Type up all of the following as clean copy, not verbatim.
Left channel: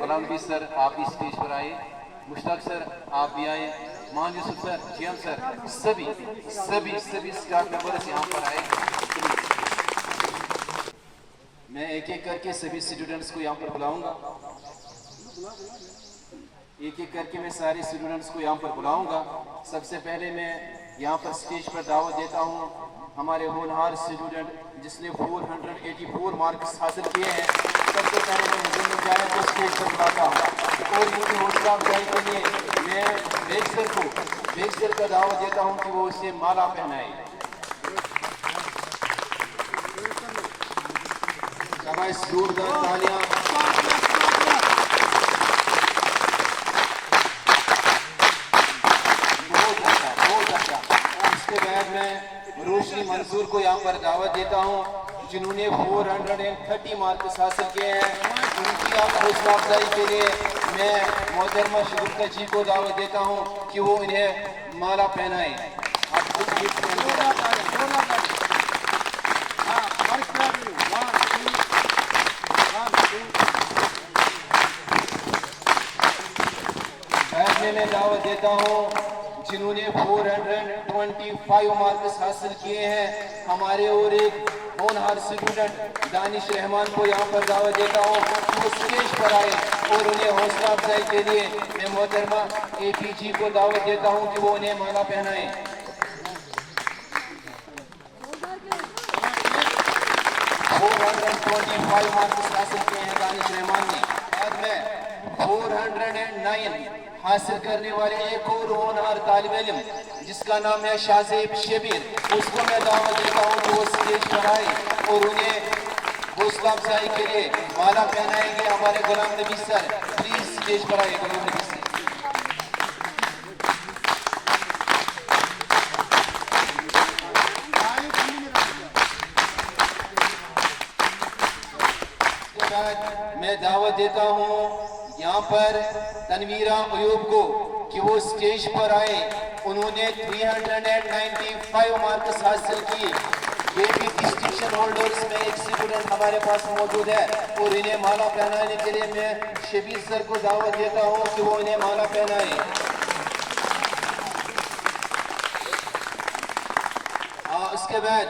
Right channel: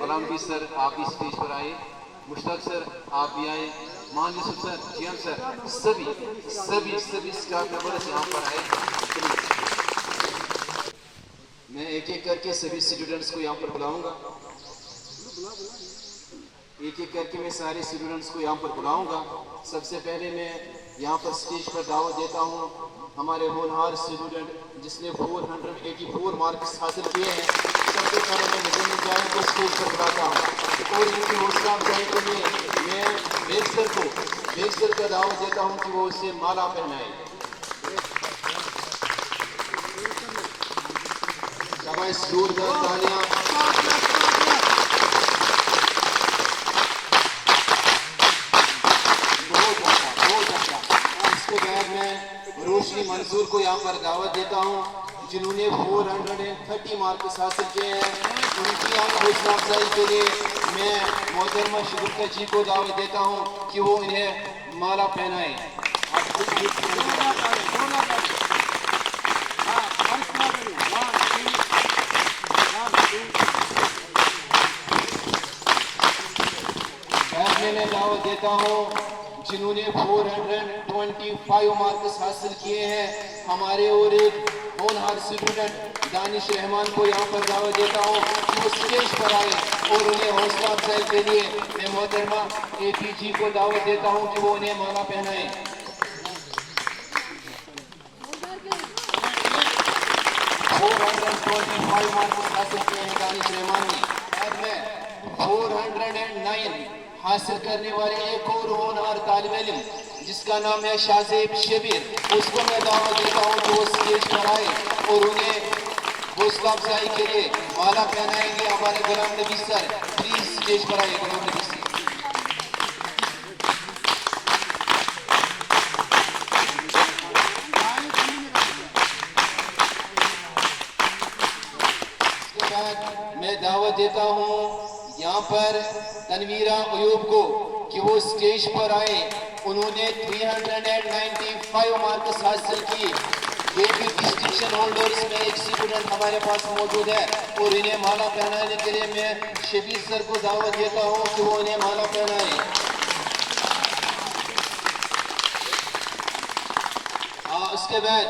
غلام نبی سر آپ بھی اسٹیج پر آئے، مشتاق سر آپ بھی آئے، مان یوسف سر، جیم سر، سبھی اسٹاف ممبرز یہاں پر آئے۔ میں ایک ایک کر کے سبھی اسٹوڈنٹس کو یہاں پر بلاؤں گا، ایک ایک کر کے میں سارے اسٹوڈنٹس کو یہاں پر بلاؤں گا۔ سب سے پہلے میں یہاں پر اسٹیج پر دعوت دیتا ہوں ہمارے ہونہار اسٹوڈنٹ جس نے 484 مارکس حاصل کیے ہیں۔ سب سے پہلے میں حضور میں جائیں تو اسٹیج پر بلاتا ہوں، اور ان کی حوصلہ افزائی کے لیے میں بیگ سر کا دعوت دیتا ہوں کہ وہ اسے مالا پہنائے۔ شاباش، زوردار تالیاں۔ بہت اچھا۔ اس کے بعد میں روشنی منصور کو یہاں پر دعوت دیتا ہوں جنہوں نے 430 مارکس حاصل کیے ہیں۔ ان کی حوصلہ افزائی کے لیے میں محترمہ شگفتہ جی کو دعوت دیتا ہوں کہ وہ انہیں مالا پہنائیں۔ میں دعوت دیتا ہوں جنہوں نے 425 مارکس حاصل کیے ہیں ہمارے اور ایک ہونہار اسٹوڈنٹ دانش رحمان کو یہاں پر دعوت دیتا ہوں کہ وہ اسٹیج پر آئے، اور انہیں حوصلہ افزائی کے لیے میں محترمہ اے پی جی کو دعوت دیتا ہوں کہ وہ انہیں مالا پہنائیں۔ 425 مارکس حاصل کیے ہیں دانش رحمان نے۔ اب میں 409 حاصل کرنے والے ایک اور ہونہار طالب علم جس کا نام ہے شازیب شبیر، اس کو میں دعوت دیتا ہوں کہ وہ اسٹیج پر آئے اور انہیں حوصلہ افزائی کے لیے مالا پہنائیں گے۔ ہمارے غلام نبی سر پلیز اسٹیج پر آئے۔ غلام نبی سر میں دعوت دیتا ہوں یہاں پر تنویرہ ایوب کو کہ وہ اسٹیج پر آئے۔ انہوں نے 395 مارکس حاصل کی۔ یہ بھی ڈسٹنکشن ہولڈرز میں ایک اسٹوڈنٹ ہمارے پاس موجود ہے، اور انہیں مالا پہنانے کے لیے میں شبیر سر کو دعوت دیتا ہوں کہ وہ انہیں مالا پہنائیں۔ اس کے بعد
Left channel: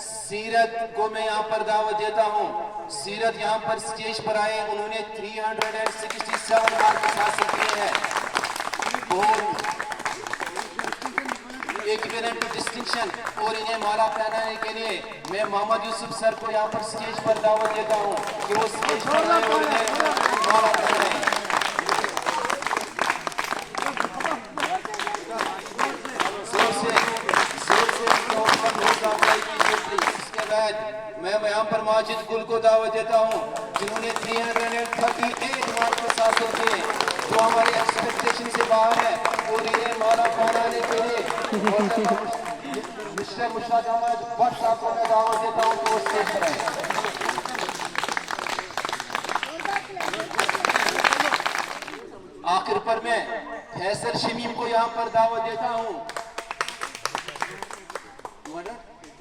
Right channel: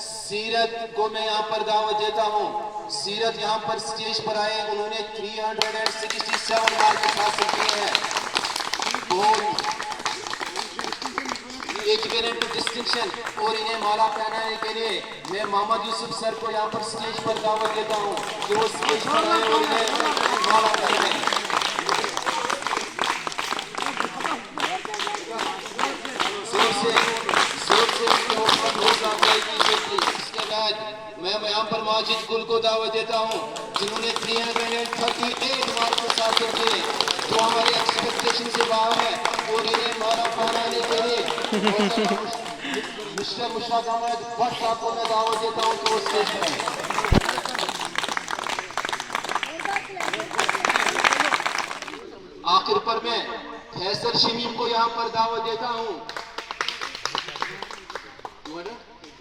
سیرت کو میں یہاں پر دعوت دیتا ہوں۔ سیرت یہاں پر اسٹیج پر آئے، انہوں نے 367 مارکس حاصل کیے ہیں۔ ایکویلنٹ ڈسٹنکشن، اور انہیں مالا پہنانے کے لیے میں محمد یوسف سر کو یہاں پر اسٹیج پر دعوت دیتا ہوں کہ وہ اسٹیج پر آئے اور انہیں مالا پہنائیں۔ اس کے بعد میں یہاں پر ماجد گل کو دعوت دیتا ہوں جنہوں نے 338 مارکس حاصل کیے، جو ہماری ایکسپیکٹیشن سے باہر ہے، اور انہیں مالا پہنانے کے لیے مسٹر مشتاق احمد بٹ صاحب کو میں دعوت دیتا ہوں کہ وہ اسٹیج پر آئیں۔ آخر پر میں فیصل شمیم کو یہاں پر دعوت دیتا ہوں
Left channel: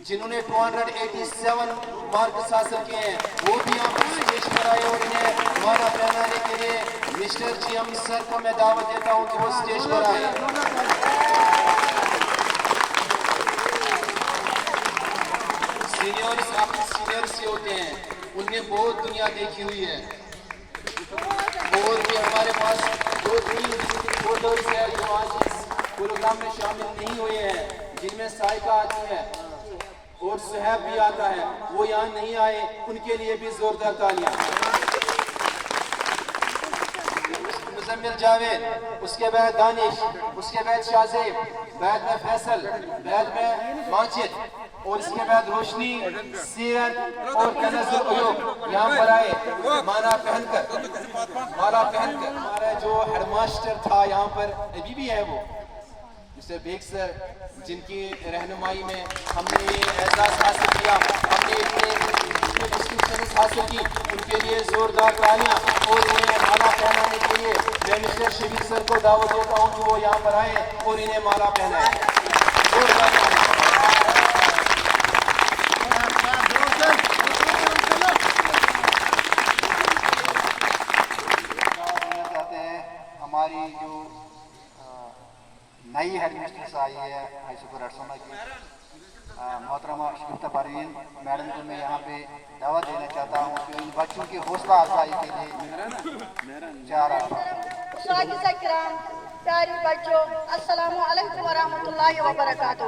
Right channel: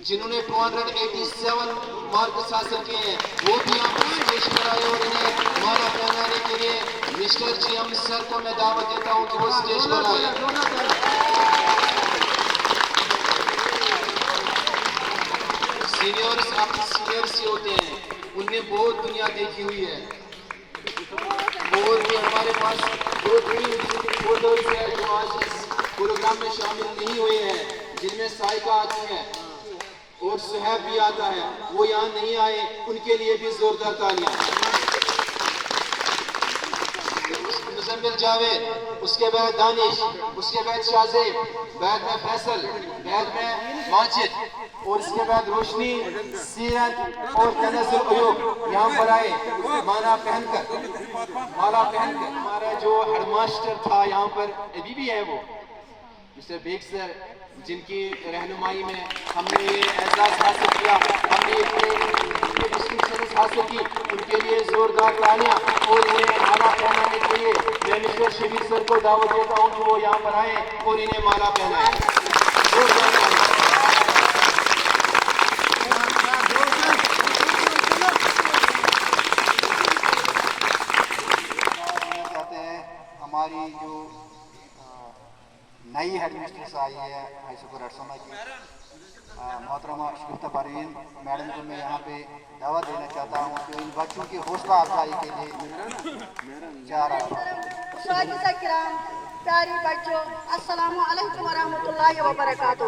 جنہوں نے 287 مارکس حاصل کیے ہیں، وہ بھی یہاں پر اسٹیج پر آئے، اور انہیں مالا پہنانے کے لیے مسٹر جی ایم سر کو میں دعوت دیتا ہوں کہ وہ اسٹیج پر آئے۔ سینئرز آپ سینئرز سے ہوتے ہیں، ان نے بہت دنیا دیکھی ہوئی ہے، اور بھی ہمارے پاس دو فوٹوز ہیں جو آج اس پروگرام میں شامل نہیں ہوئے ہیں، جن میں سائقہ آتی ہے اور صحیب بھی آتا ہے، وہ یہاں نہیں آئے، ان کے لیے بھی زوردار تالیاں۔ مزمل جاوید، اس کے بعد دانش، اس کے بعد شازیب، بعد میں فیصل، بعد میں ماجد، اور اس کے بعد روشنی سیرت اور تنزل عیوب یہاں پر آئے مالا پہن کر ہمارا جو ہیڈ ماسٹر تھا یہاں پر ابھی بھی ہے وہ مسٹر بیگ سر جن کی رہنمائی میں ہم نے یہ اعزاز حاصل کیا ہم نے ڈسٹنکشن حاصل کی ان کے لیے زوردار تالیاں اور انہیں مالا پہنانے کے لیے میں مسٹر شبیر سر کو دعوت دیتا ہوں کہ وہ یہاں پر آئے اور انہیں مالا پہنائے زوردار تالیاں ہماری جو نئی ہیڈ مسٹرس آئی ہے ہائی سکول ارسما کی محترمہ شگفتہ پروین میڈم کو میں یہاں پہ دعوت دینا چاہتا ہوں کہ ان بچوں کی حوصلہ افزائی کے لیے 4 اساتذہ کرام، پیاری بچوں، السلام علیکم ورحمۃ اللہ وبرکاتہ۔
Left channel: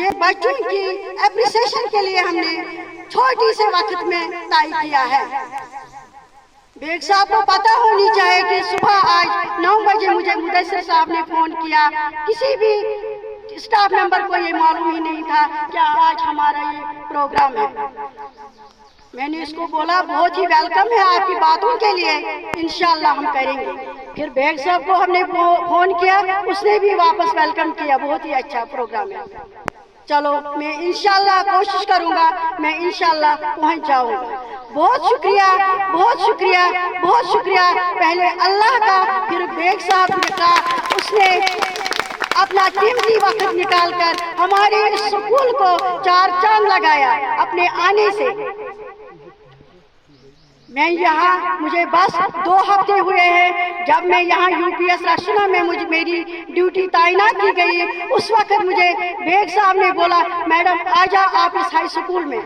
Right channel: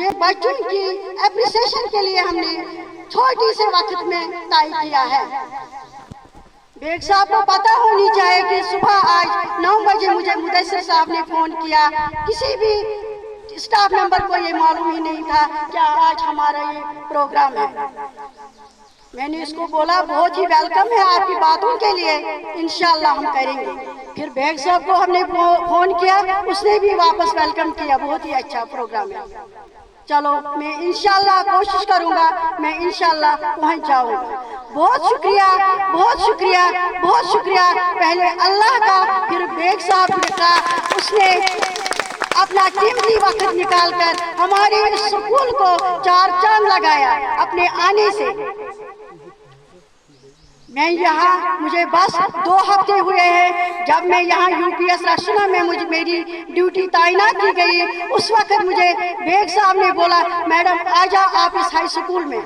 یہ بچوں کی اپریسیشن کے لیے ہم نے چھوٹی سے وقت میں طے کیا ہے۔ بیگ صاحب کو پتہ ہونی چاہیے کہ صبح آج 9 بجے مجھے مدثر صاحب نے فون کیا، کسی بھی اسٹاف ممبر کو یہ معلوم ہی نہیں تھا کہ آج ہمارا یہ پروگرام ہے۔ میں نے اس کو بولا بہت ہی ویلکم ہے آپ کی باتوں کے لیے، انشاءاللہ ہم کریں گے۔ پھر بیگ صاحب کو ہم نے فون کیا، اس نے بھی واپس ویلکم کیا، بہت ہی اچھا پروگرام ہے۔ چلو میں انشاءاللہ کوشش کروں گا، میں انشاءاللہ پہنچ جاؤں گا۔ بہت شکریہ، بہت شکریہ، بہت شکریہ پہلے اللہ کا، پھر بیگ صاحب کا، اس نے اپنا قیمتی وقت نکال کر ہمارے اس سکول کو 4 چاند لگایا اپنے آنے سے۔ میں یہاں مجھے بس 2 ہفتے ہوئے ہیں جب میں یہاں UPS راشنہ میں میری ڈیوٹی تعینات کی گئی، اس وقت مجھے بیگ صاحب نے بولا میڈم آ جا آپ اس ہائی سکول میں۔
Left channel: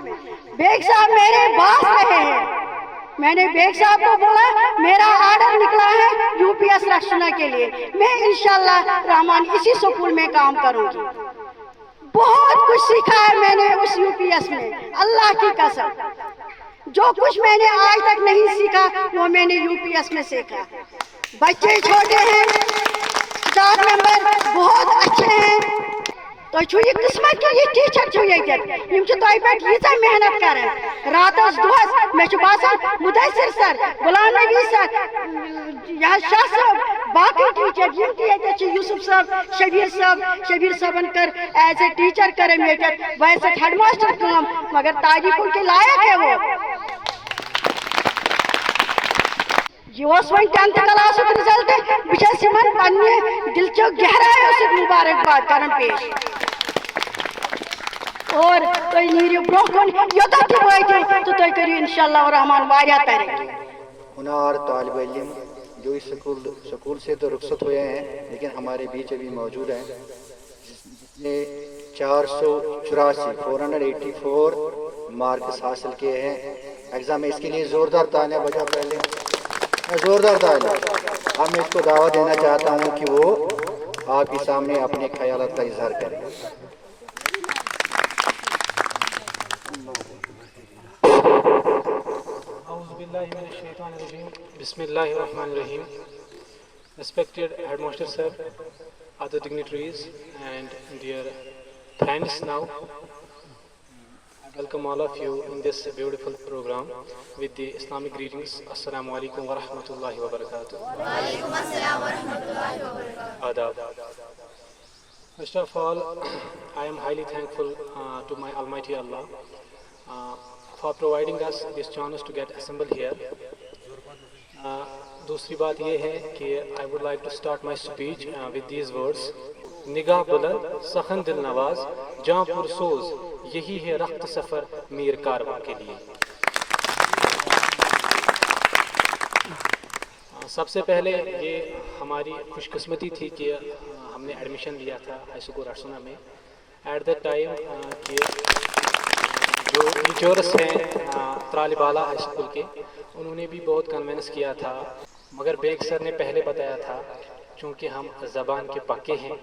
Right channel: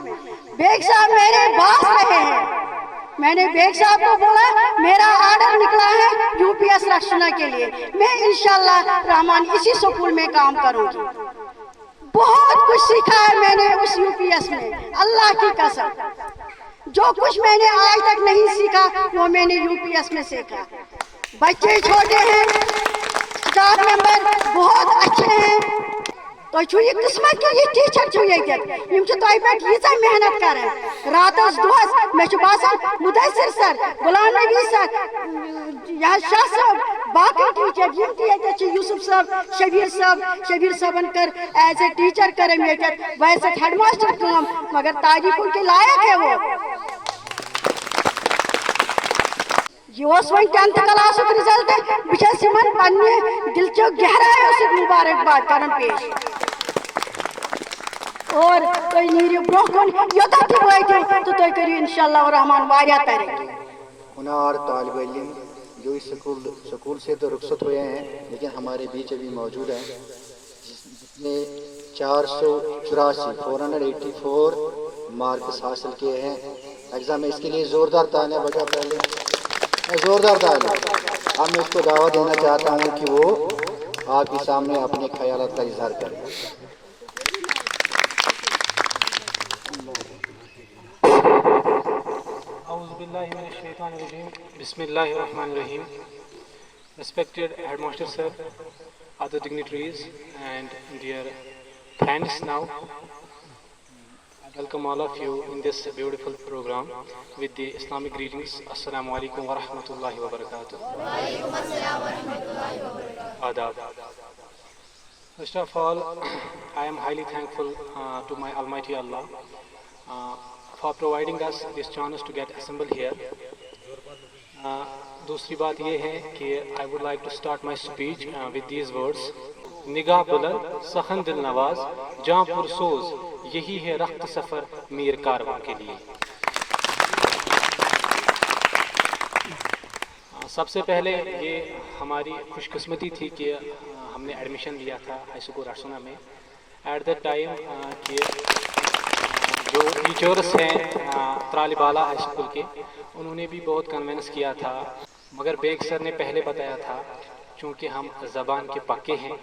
بیگ صاحب میرے باس رہے ہیں۔ میں نے بیگ صاحب کو بولا میرا آرڈر نکلا ہے UPS راشنہ کے لیے، میں انشاءاللہ رحمان اسی سکول میں کام کروں گی۔ بہت کچھ سیکھا ہے میں نے اس UPS میں، اللہ کی قسم۔ جو کچھ میں نے آج تک نہیں سیکھا وہ میں نے UPS میں سیکھا۔ بچے چھوٹے ہیں، اسٹاف ممبر بہت اچھے ہیں، تو یہ قسمت کے یہ ٹیچر یہ محنت کریں راتس دہس میں باسان مدثر سر، غلام نبی سر، شاہ صاحب، باقی ٹیچر یوسف صاحب، شبیر صاحبن کر ایز اے ٹیچر کریں ویسے ہیڈ ماسٹر کام، مگر تعریفوں کے لائق ہے وہ۔ یہ وہی 10th کلاس رزلٹ بچس پنہ دل چو گہرائی سب مبارکباد کرن پیش، اور تھی نیرو برو کن یوتن تہ واتو تو تھی کرو انشاءاللہ الرحمن واریاہ ترقی۔ ہنار طالب علم جو اس سکول سے تو رخصت ہوئے ہیں لیکن ہمارے بیچ ابھی موجود ہیں، جس نے 484 مارکس حاصل کیے ہیں ایگزام میں۔ اس کے لیے زوردار تالیاں بجا پہلے، زوردار تالیاں۔ اب میں اس کو دعوت دینا چاہتا ہوں کہ وہ آپ کے سامنے اپنے خیالات کا اظہار کریں۔ Bismillahirrahmanirrahim. Respected Headmaster Sir, other dignitaries and dear friends, now I welcome all of you in this beautiful program with the Islamic greetings. Assalamu alaikum wa rahmatullahi wa barakatuh. Wa alaikum assalam wa rahmatullahi wa barakatuh. Adab. First of all, I am highly thankful to my Almighty Allah for providing us this chance to get assembled here. دوسری بات یہ ہے کہ I would like to start my speech with these words. نگاہ بلند سخن دل نواز جاں پرسوز یہی ہے رخت سفر میر کارواں کے لیے۔ سب سے پہلے یہ ہماری خوش قسمتی تھی کہ ہم نے ایڈمیشن لیا تھا ہائی سکول ارسنا میں ایٹ دیٹ ٹائم کہ جو ٹیچرس ہیں طالب اعلیٰ ہائی اسکول کے انہوں نے بھی بہت کنونس کیا تھا، مگر بیگ سر نے پہلے بتایا تھا چونکہ ہم زبان کے پکے ہیں۔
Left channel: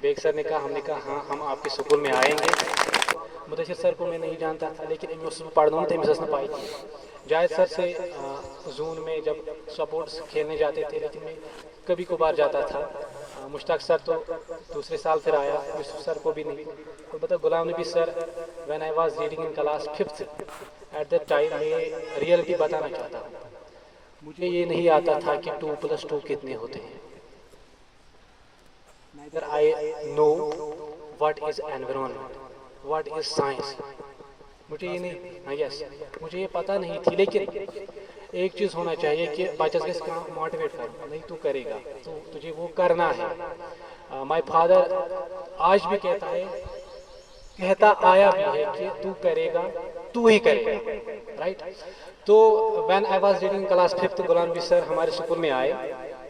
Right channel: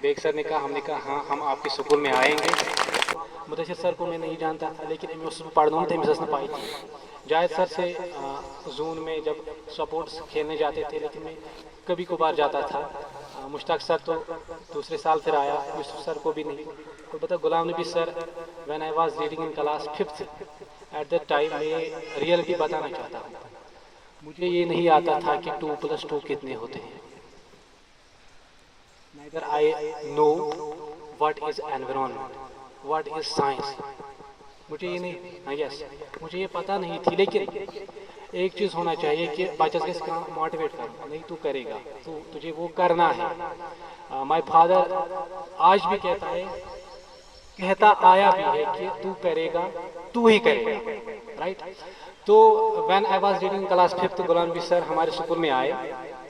بیگ سر نے کہا، ہم نے کہا ہاں ہم آپ کے سکول میں آئیں گے۔ مدثر سر کو میں نہیں جانتا تھا لیکن پڑھنا تھے مسس نے پائی تھی۔ جاہد سر سے زون میں جب سپورٹس کھیلنے جاتے تھے لیکن میں کبھی کبھار جاتا تھا मुश्ताक सर तो दूसरे साल फिर आया, यूसुफ सर को भी नहीं। तो बता Ghulam Nabi sir, when I was reading in class 5th at that time, मैं रियलिटी बताना चाहता हूँ, मुझे ये नहीं आता था कि 2+2 कितने होते हैं। Neither I know what is environment, what is science, मुझे ये नहीं, यस मुझे ये पता नहीं थी। लेकिन एक चीज़ होना चाहिए कि बच्चे के मोटिवेट करो, नहीं तू करेगा, तो तुझे वो करना है। माय फादर आज भी कहता आया भी है कि तू करेगा, तू ही करेगा, राइट। तो when I was reading class 5th, Ghulam Nabi sir हमारे स्कूल में आए,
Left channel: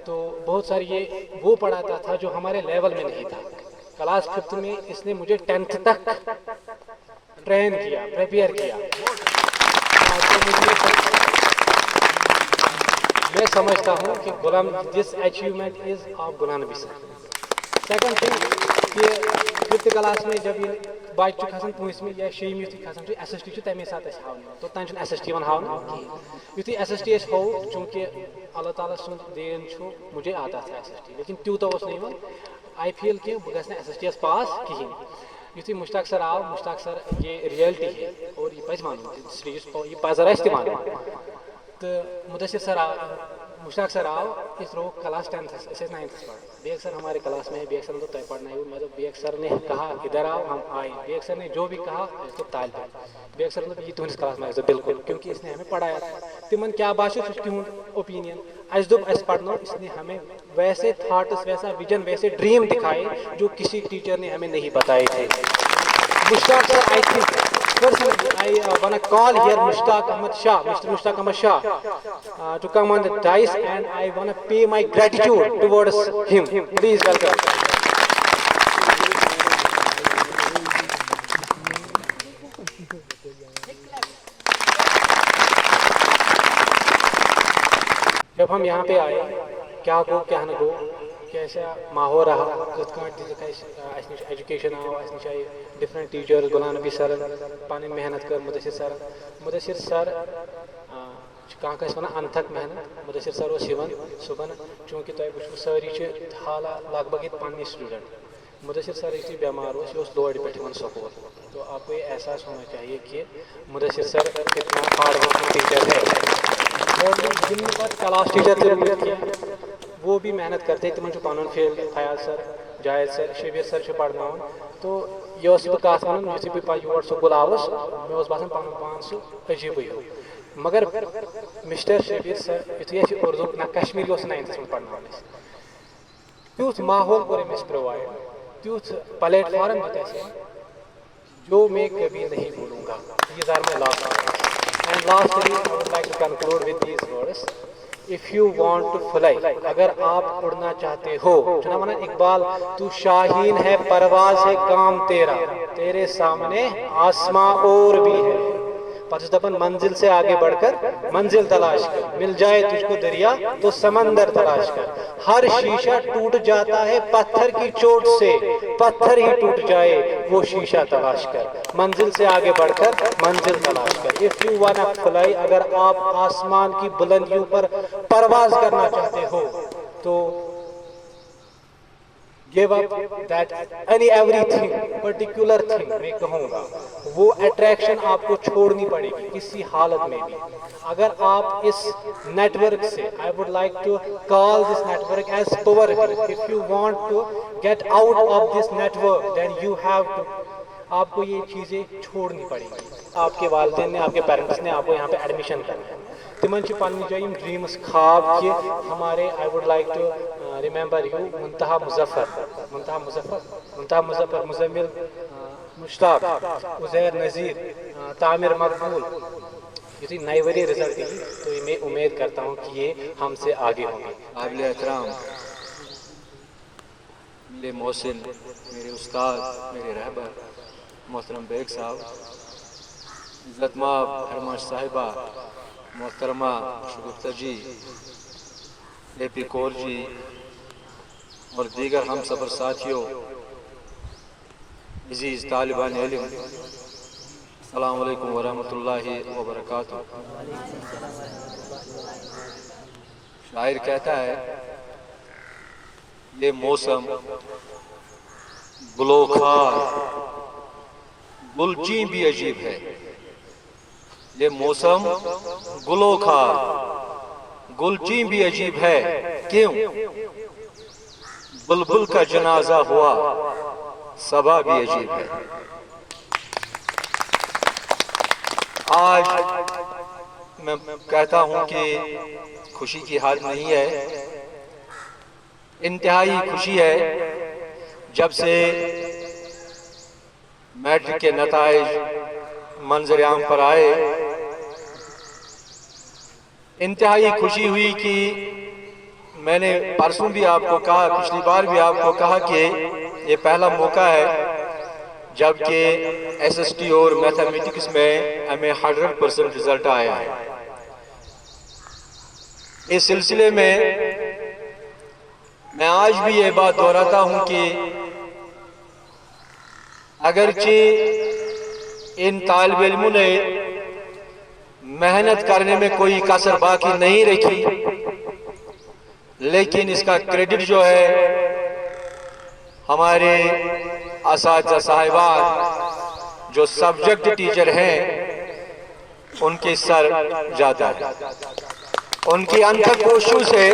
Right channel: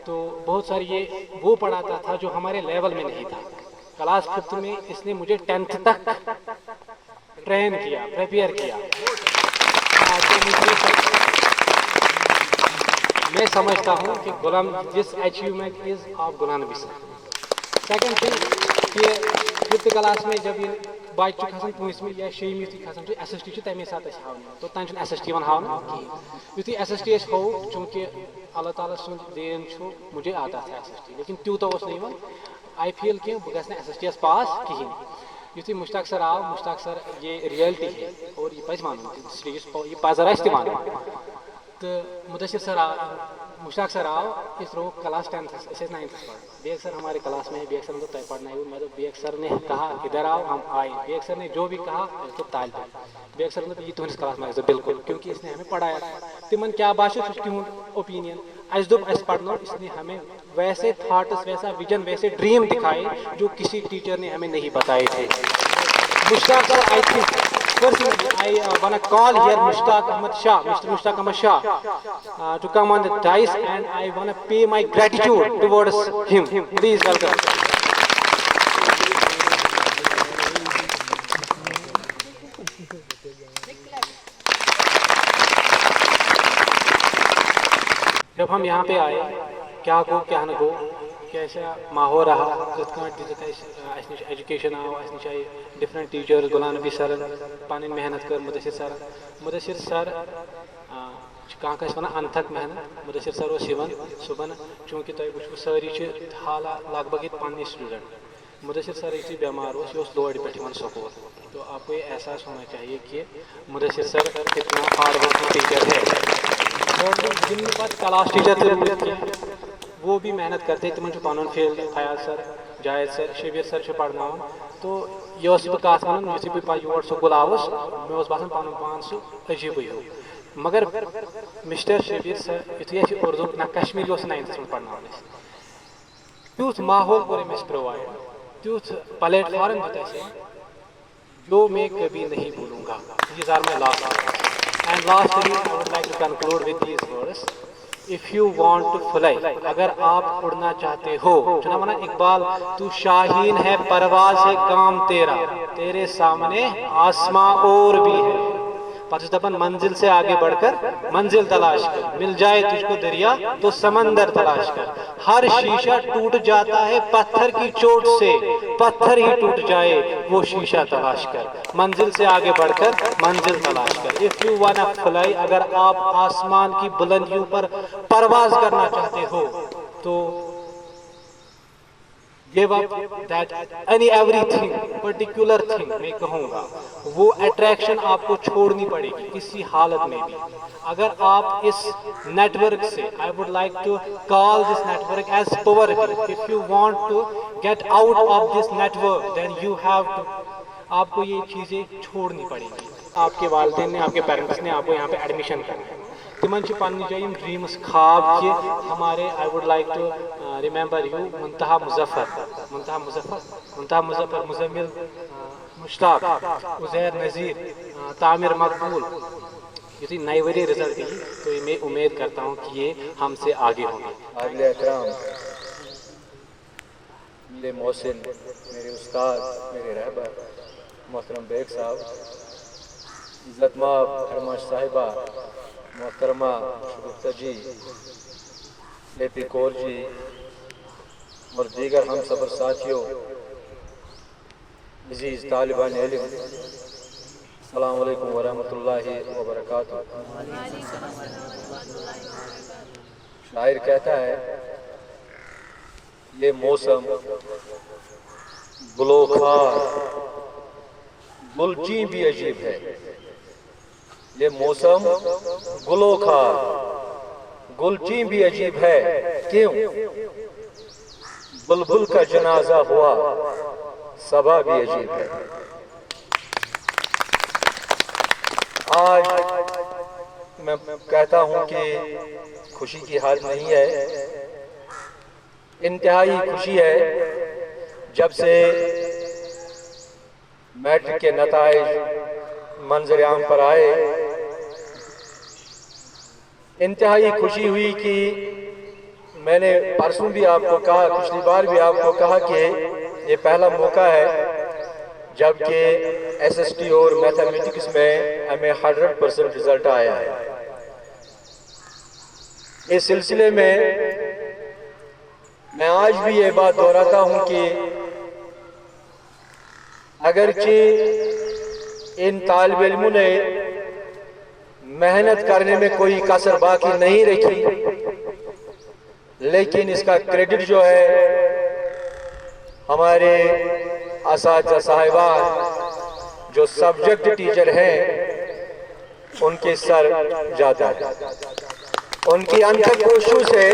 तो बहुत सारी ये वो पढ़ाता था जो हमारे लेवल में नहीं था। क्लास 5th में इसने मुझे 10th तक ट्रेन किया, प्रिपेयर किया। तो मैं समझता हूँ कि गुलाम, this achievement is of Ghulam Nabi sir. Second thing कि 5th क्लास में जब ये बच्चे खसान 5th या 6th युथी खसान SST तमे साथ हावन, तो तन SST हावन कहीं। युथी SST हो, चूँकि अल्लाह ताला सुन देन मुझे आता था SST, लेकिन त्यूत नहीं। आई फील कि बह गस SST पास कहीं। युथी मुश्ताक सर आव, मुश्ताक सर ये रियलिटी है और ये पज वन, ये पजर वन। तो मुदस्सिर सर मुश्ताक सर आव, इस रो क्लास 10th 9th पढ़। बेग सर हमारे क्लास में है, बेग सर ने तय पढ़ना है। मैं तो बेग सर ने कहा इधर आओ, हम आए। बेग सर ने जो भी कहा तो ताल पे। बेग सर ने ये तुहस क्लास में बिल्कुल, क्योंकि इसने हमें पढ़ाया था। तिमन क्या बात ओपिनियन अस दोप अस पढ़नो, इसने हमें वैसे थाट्स, वैसा विजन, वैसे ड्रीम दिखाए जो किसी टीचर ने हमें नहीं बताए थे। Mushtaq sir, I think personally, I want to call here Mushtaq Ahmad Shah, Mr. Mushtaq Ahmad Shah, to come on the dais, and I want to pay my gratitude towards him. Please welcome. जब हम यहाँ पे आए, क्या गो क्या न गो, कैसा माहौल रहा, एजुकेशन आओ, different teachers, Ghulam Nabi sir पानी मेहनत कर, मुदस्सिर सर कहाँ कस वन अनथक मेहनत। मुदस्सिर सर सुबह चूँकि तुम सारी हाला लगभग पन्नी स्टूडेंट। मुदस्सिर सर यू बेमार हो लोड पे स्कूल, तो आपको ये एहसास होना चाहिए कि मुदस्सिर सर कितना हार्ड वर्किंग टीचर है। और जिन पास क्लास टीचर जरूरत है वो भी मेहनत करते, तुम पन फील्ड फयाज सर, जायद सर, शबीर सर पढ़ना। तो यह बह कत वन, यु बह योर स्कूल आवस, मे बसान पन पान सह अजीब हो। मगर मिस्टर शबीर सर यु उर्दू ना कश्मीरी 9th में पढ़ना, तुथ माहौल कोर अमें प्रोवाइड, तुथ प्लेटफार्म जो मैं कभी नहीं भूलूंगा। These are my last words. And lastly, I would like to conclude with these words. If you want to fly, अगर आप उड़ना चाहते हो, चुना माना इकबाल, तू शाहीन है, परवाज है काम तेरा, तेरे सामने आसमां और भी है। दपन मंजिल से आगे बढ़कर मंजिल तलाश कर, मिल जाए तुझको दरिया तो समंदर तलाश कर। हर शीशा टूट जाता है पत्थर की चोट से, पत्थर ही टूट जाए वो शीशा तलाश कर। मंजिल से आगे बढ़कर मंजिल तलाश कर। If you want to fly, अगर आप आसमान की बुलंदियों पर परवाज करना चाहते हो, तो give up that everything, particular thing मैं कहूँगा, वो अट्रैक्शन आपको छोड़नी पड़ेगी किसी हालत में भी। अगर आप इस नेटवर्क से, I would like to call this network as poverty, if you want to get out of this network, then you have to, आपको ये चीज़ें छोड़नी पड़ेगी। आपके वालिदैन ने, आपके पेरेंट्स ने आपको यहाँ पे एडमिशन करना है, तिमन पन्नी जाए ड्रीम्स, ख्वाब कि हमारे, I would like to remember you Muntaha Muzaffar, Muzammil Mushtaq, Uzair Nazir, Tamir Maqbool, यदि नए वरी रिजल्ट दी तो मैं उम्मीद करता हूँ कि ये हमसे आगे होंगे। काबिल एहतराम मेरे मोहसिन, मेरे उस्ताद, मेरे रहबर मोहतरम बेग साहब, इज़्ज़तमाब हरमाश साहिबा, मोहतरमा शगुफ्ता जी, AP कौर जी और दीगर हम सफ़र साथियों, अज़ीज़ तालिबान इल्म, अस्सलामु अलैकुम वरहमतुल्लाहि वबरकातुहू। शायर कहता है, ये मौसम गुलोखार गुलची भी अजीब है। ये मौसम गुलोखार गुलची भी अजीब है। क्यों? बुलबुल का जनाजा हुआ, सबा भी अजीब है। आज मैं कहता हूं कि खुशी की हार नहीं है, इंतहाई खुशी है। जब से मैट्रिक के नताइज मंजर आम पर आए, इंतहाई खुशी हुई कि मैंने परसों भी आपको कहा, पिछली बार भी आपको कहा कि ये पहला मौका है जबकि एसएसटी और मैथमेटिक्स में हमें 100% रिजल्ट आया है। इस सिलसिले में मैं आज भी ये बात दोहराता हूं कि अगरचे इन तालिब इल्मों ने मेहनत करने में कोई कसर बाकी नहीं रखी, लेकिन इसका क्रेडिट जो है हमारे असातिज़ा साहिबान जो सब्जेक्ट टीचर हैं उनके सर जाता है। उनकी अनथक कोशिशों से,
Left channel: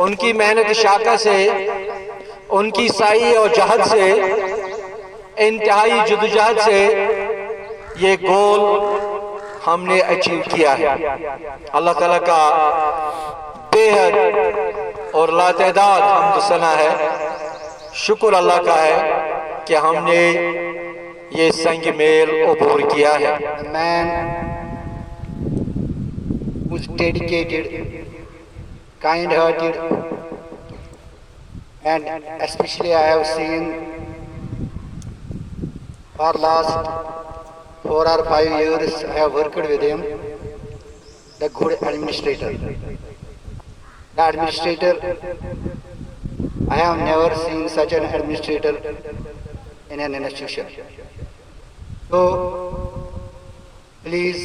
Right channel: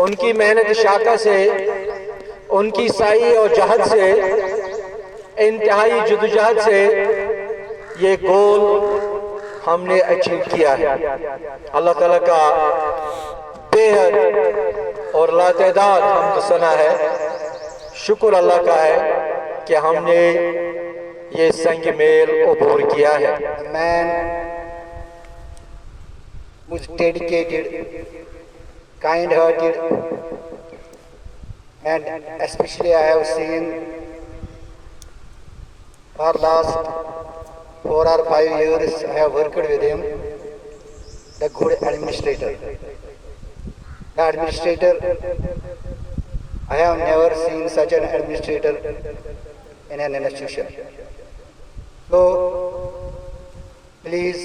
उनकी मेहनत शाका से, उनकी साई और जहद से, इंतहाई जुदोजहद से ये गोल हमने अचीव किया है। अल्लाह ताला का बेहद और लातेदाद हमद सना है, शुक्र अल्लाह का है कि हमने ये संग मेल अबूर किया है। Man who's dedicated, kind-hearted, and especially I have seen for last 4 or 5 years I have worked with him, the good administrator. The administrator, I have never seen such an administrator in an institution. So, please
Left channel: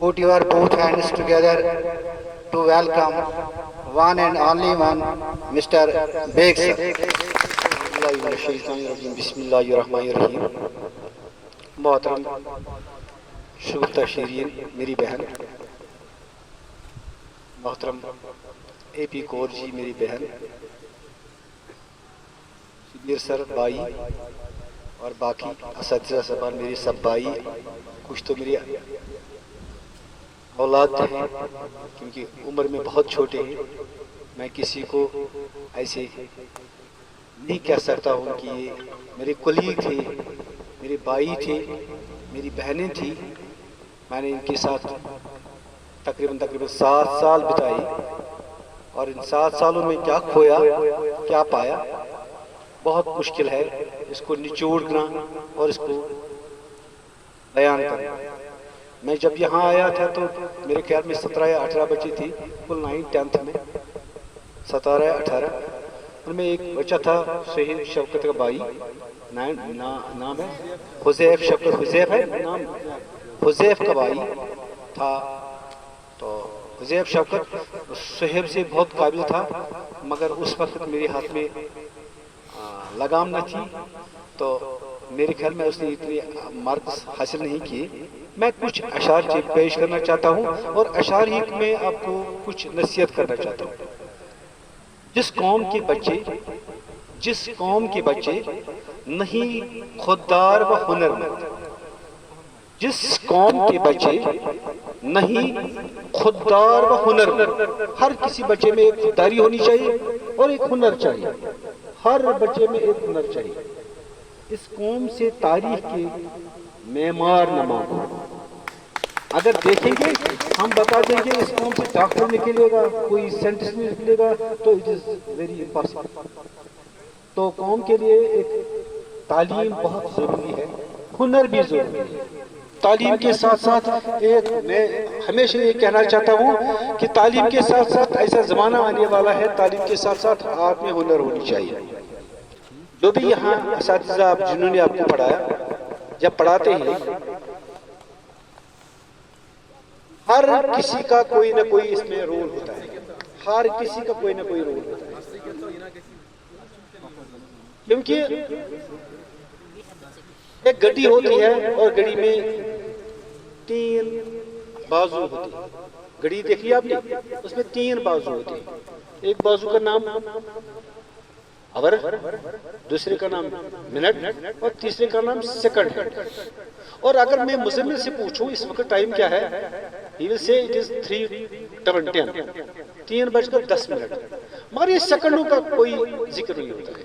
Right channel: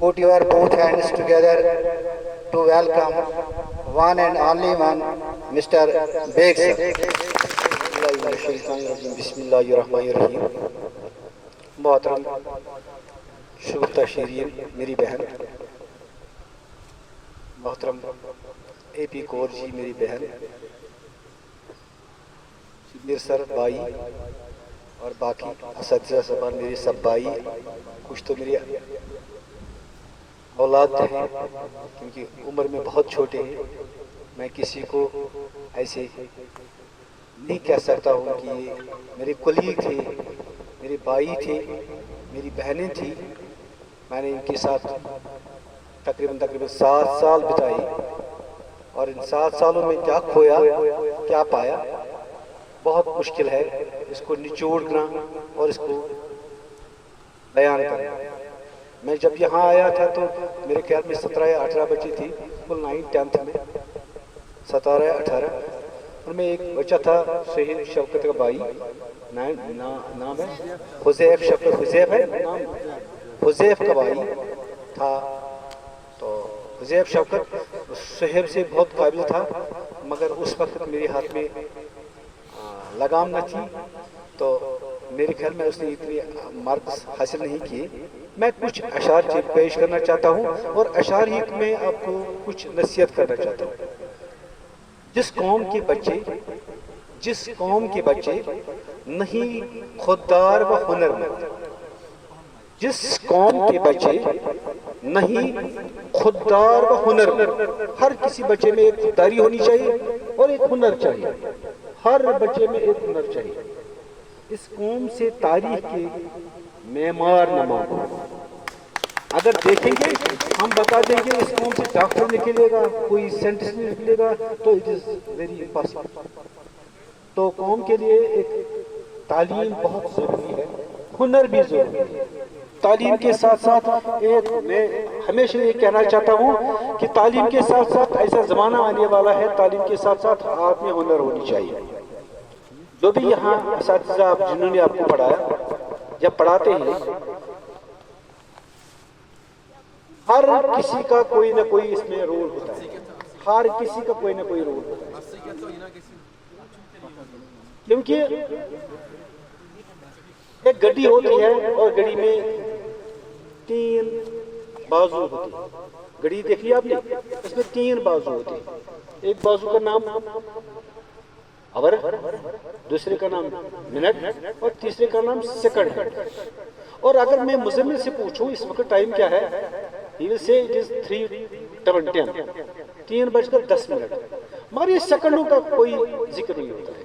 put your both hands together to welcome one and only one, Mr. Beg sir. बिस्मिल्लाहिर्रहमानिर्रहीम। मोहतरम शुगुफ्ता शीरीन मेरी बहन, मोहतरम AP Kaur ji मेरी बहन, Subir sir भाई और बाकी असातिज़ा साहबान मेरे सब भाई, कुछ तो मेरी औलाद हैं क्योंकि उम्र में बहुत छोटे हैं। मैं किसी को ऐसे नहीं कह सकता हूँ कि ये मेरे कुलीग थे, मेरे भाई थे, मेरी बहनें थी। मैंने इनके साथ तकरीबन 7 साल बिताए और इन 7 सालों में क्या खोया क्या पाया बहुत मुश्किल है इसको निचोड़ना और इसको बयान करना। मैं जब यहाँ आया था तो मेरे ख्याल में 17 या 18 बच्चे थी, कुल 9th-10th में 17 या 18। उनमें एक बच्चा था शहीद शौकत का भाई, नाम है हुज़ैफ, शौकत हुज़ैफ है नाम, हुज़ैफ का भाई था। तो हुज़ैफ शौकत शहर से बहुत काबिल था, मगर उस वक्त मेरे हाथ में लगाम न थी, तो मेरे ख्याल में उसने इतने मार्क्स हासिल नहीं किए। मैं कुछ अशार पेश करना चाहता हूँ और अशार ही में आपको कुछ नसीहत करना चाहता हूँ। जिस कौम के बच्चे नहीं खुददार व हुनरमंद, जिस कौम के बच्चे नहीं खुददार व हुनरमंद, हर किसी बच्चे में एक खुददारी होनी चाहिए और एक हुनर चाहिए, हर बच्चे में एक हुनर चाहिए। इस कौम से तारीख के मेमार न मांगो। अगर देखेंगे हम बता देंगे इस कौम से डॉक्टर निकलेगा, कोई साइंटिस्ट निकलेगा, तो इट इज़ वेरी इम्पॉसिबल। तो कौम के लिए एक तालीम बहुत ज़रूरी है, हुनर भी ज़रूरी है। तालीम के साथ साथ मैं हमेशा ये कहना चाहता हूँ कि तालीम के साथ साथ ऐसा ज़माना आने वाला है, तालीम के साथ साथ आप में हुनर होनी चाहिए। जो भी यहाँ असातिज़ा जिन्होंने आपको पढ़ाया, जब पढ़ाते हैं हर किसी का कोई ना कोई इसमें रोल होता है, हर किसी का कोई ना कोई रोल होता है, क्योंकि एक गड्डी होती है और गड्डी में 3 बाजू होते हैं। गड्डी देख लिया आपने, इसमें 3 बाजू होते हैं। एक बाजू का नाम आवर, दूसरे का नाम मिनट और तीसरे का नाम सेकंड है। और अगर मैं मुज़म्मिल से पूछूं इस वक्त टाइम क्या है, he will say it is 3:10, 3:10। मगर ये सेकंडों का कोई जिक्र नहीं होता है,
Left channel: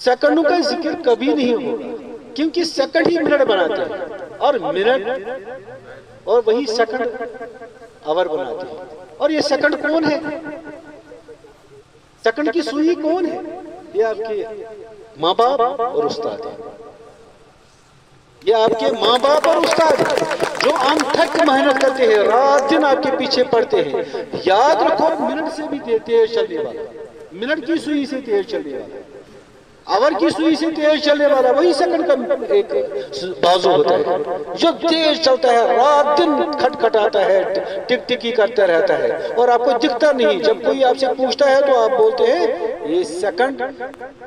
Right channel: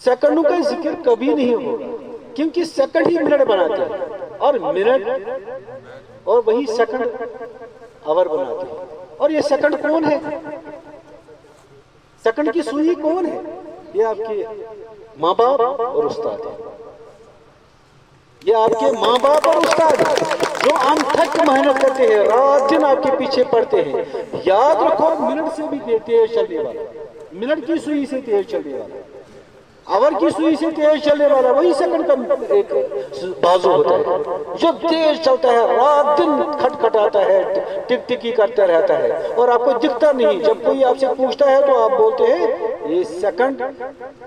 सेकंडों का जिक्र कभी नहीं होगा, क्योंकि सेकंड ही मिनट बनाते हैं और मिनट और वही सेकंड आवर बनाते हैं। और ये सेकंड कौन है, सेकंड की सुई कौन है? ये आपके माँ बाप और उस्ताद है, ये आपके माँ बाप और उस्ताद है जो अनथक मेहनत करते हैं, रात दिन आपके पीछे पड़ते हैं। याद रखो, मिनट से भी तेज चलने वाला, मिनट की सुई से तेज चलने वाला, आवर की सुई से तेज चलने वाला वही सेकंड का एक बाजू होता है जो तेज चलता है, रात दिन खटखटाता है, टिक टिकी करता रहता है और आपको दिखता नहीं। जब कोई आपसे पूछता है तो आप बोलते हैं ये सेकंड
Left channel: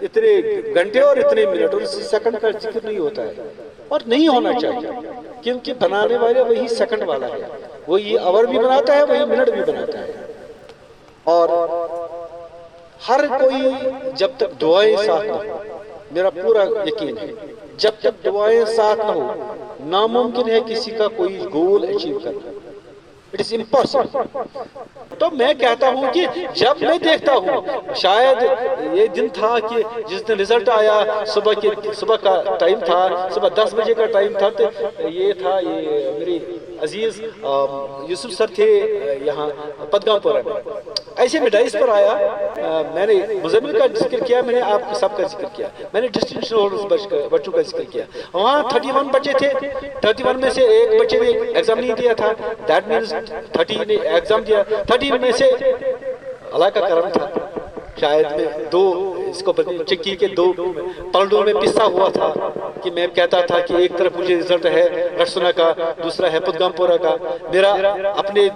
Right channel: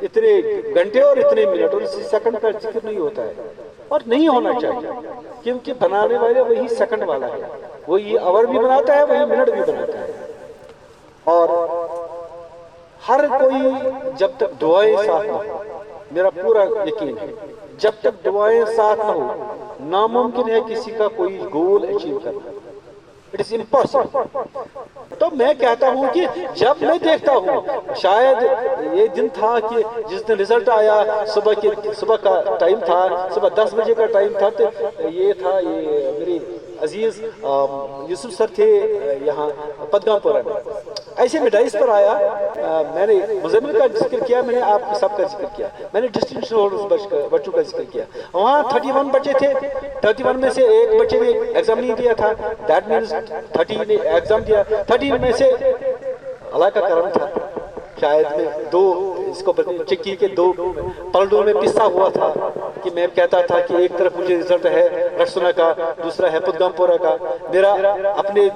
इतने घंटे और इतने मिनट, और इस सेकंड का जिक्र नहीं होता है और नहीं होना चाहिए, क्योंकि बनाने वाले वही सेकंड वाला है, वही आवर भी बनाता है, वही मिनट भी बनाता है। और हर कोई जब तक दुआएं साथ न हो, मेरा पूरा यकीन है जब तक दुआएं साथ न हो, नामुमकिन है किसी का कोई गोल अचीव करना, इट इज इम्पॉसिबल। तो मैं कहता हूं कि जब मैं देखता हूं, शायद ये दिन था कि जिस दिन रिजल्ट आया, सुबह का टाइम था, सुबह 10 बजे का टाइम था, तो ये था, ये मेरी अजीज यूसुफ सर थे यहाँ पदगामपुरा में, ऐसे में डाइस पर आया, मैंने मुज़म्मिल का जिक्र किया, मैंने आपके सबका जिक्र किया, मैंने डिस्टिंक्शन होल्डर्स बच्चों का जिक्र किया। वहाँ 31 बच्चे थे, 31 में से एक बच्चे ने एग्जाम नहीं दिया था, दैट मीन्स 30 ने एग्जाम दिया, 30 में से अल्लाह का करम था, शायद में 2 इसको चिक्की के 2 पलड़ों में पिसा हुआ था कि मैं कहता था कि एक तरफ मुझे रिजल्ट है रसुना का, दूसरा है पदगामपुरा का। मेरा अपने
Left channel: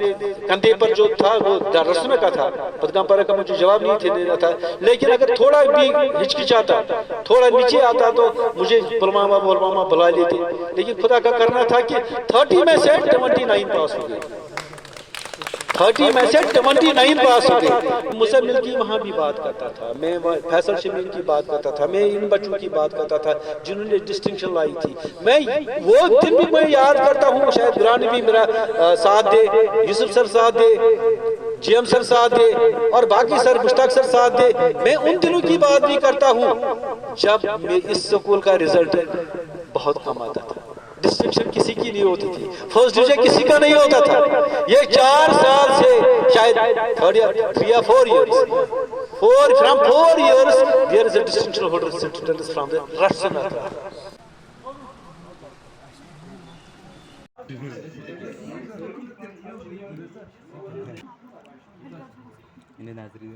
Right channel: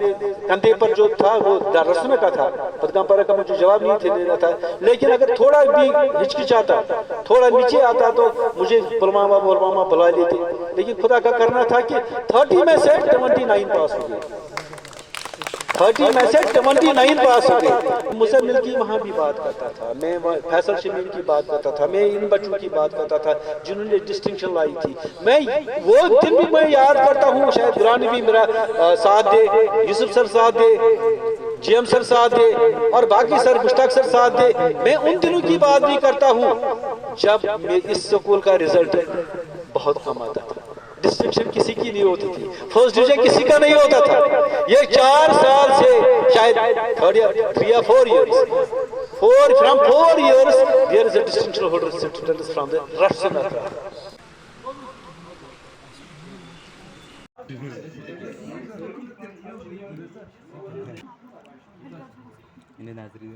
कंधे पर जो था वो रसुना का था, पदगामपुरा का मुझे जवाब नहीं देना था, लेकिन अगर थोड़ा भी हिचकिचाता, थोड़ा नीचे आता तो मुझे बुलमामा बुला लेते, लेकिन खुदा का करना था कि 30 में से 29 पास हो गए, 30 में से 29 पास हो गए। मुज़म्मिल की वहाँ भी बात करता था, मैं फैसल शमीन की बात करता था, मैं इन बच्चों की बात करता था जिन्होंने डिस्टिंक्शन लाई थी। मैं वो दिन भी मैं याद करता हूँ, शायद ग्रानी भी मेरा साथ दे, यूसुफ सर साथ दे, जीएम सर साथ दे और बाकी सर मुश्ताक सर साथ दे। मैं उन दिनों की बात नहीं करता हूँ जब इस स्कूल का रिजल्ट बहुत कम आता था, डिस्टिंक्शन किसी की नहीं होती थी, फर्स्ट डिवीजन किसी का नहीं होता था। ये 4 साल से शायद 3 or 4 years, from 4 years there is a distinction holder from the Rasuna. इन्हें नाजरी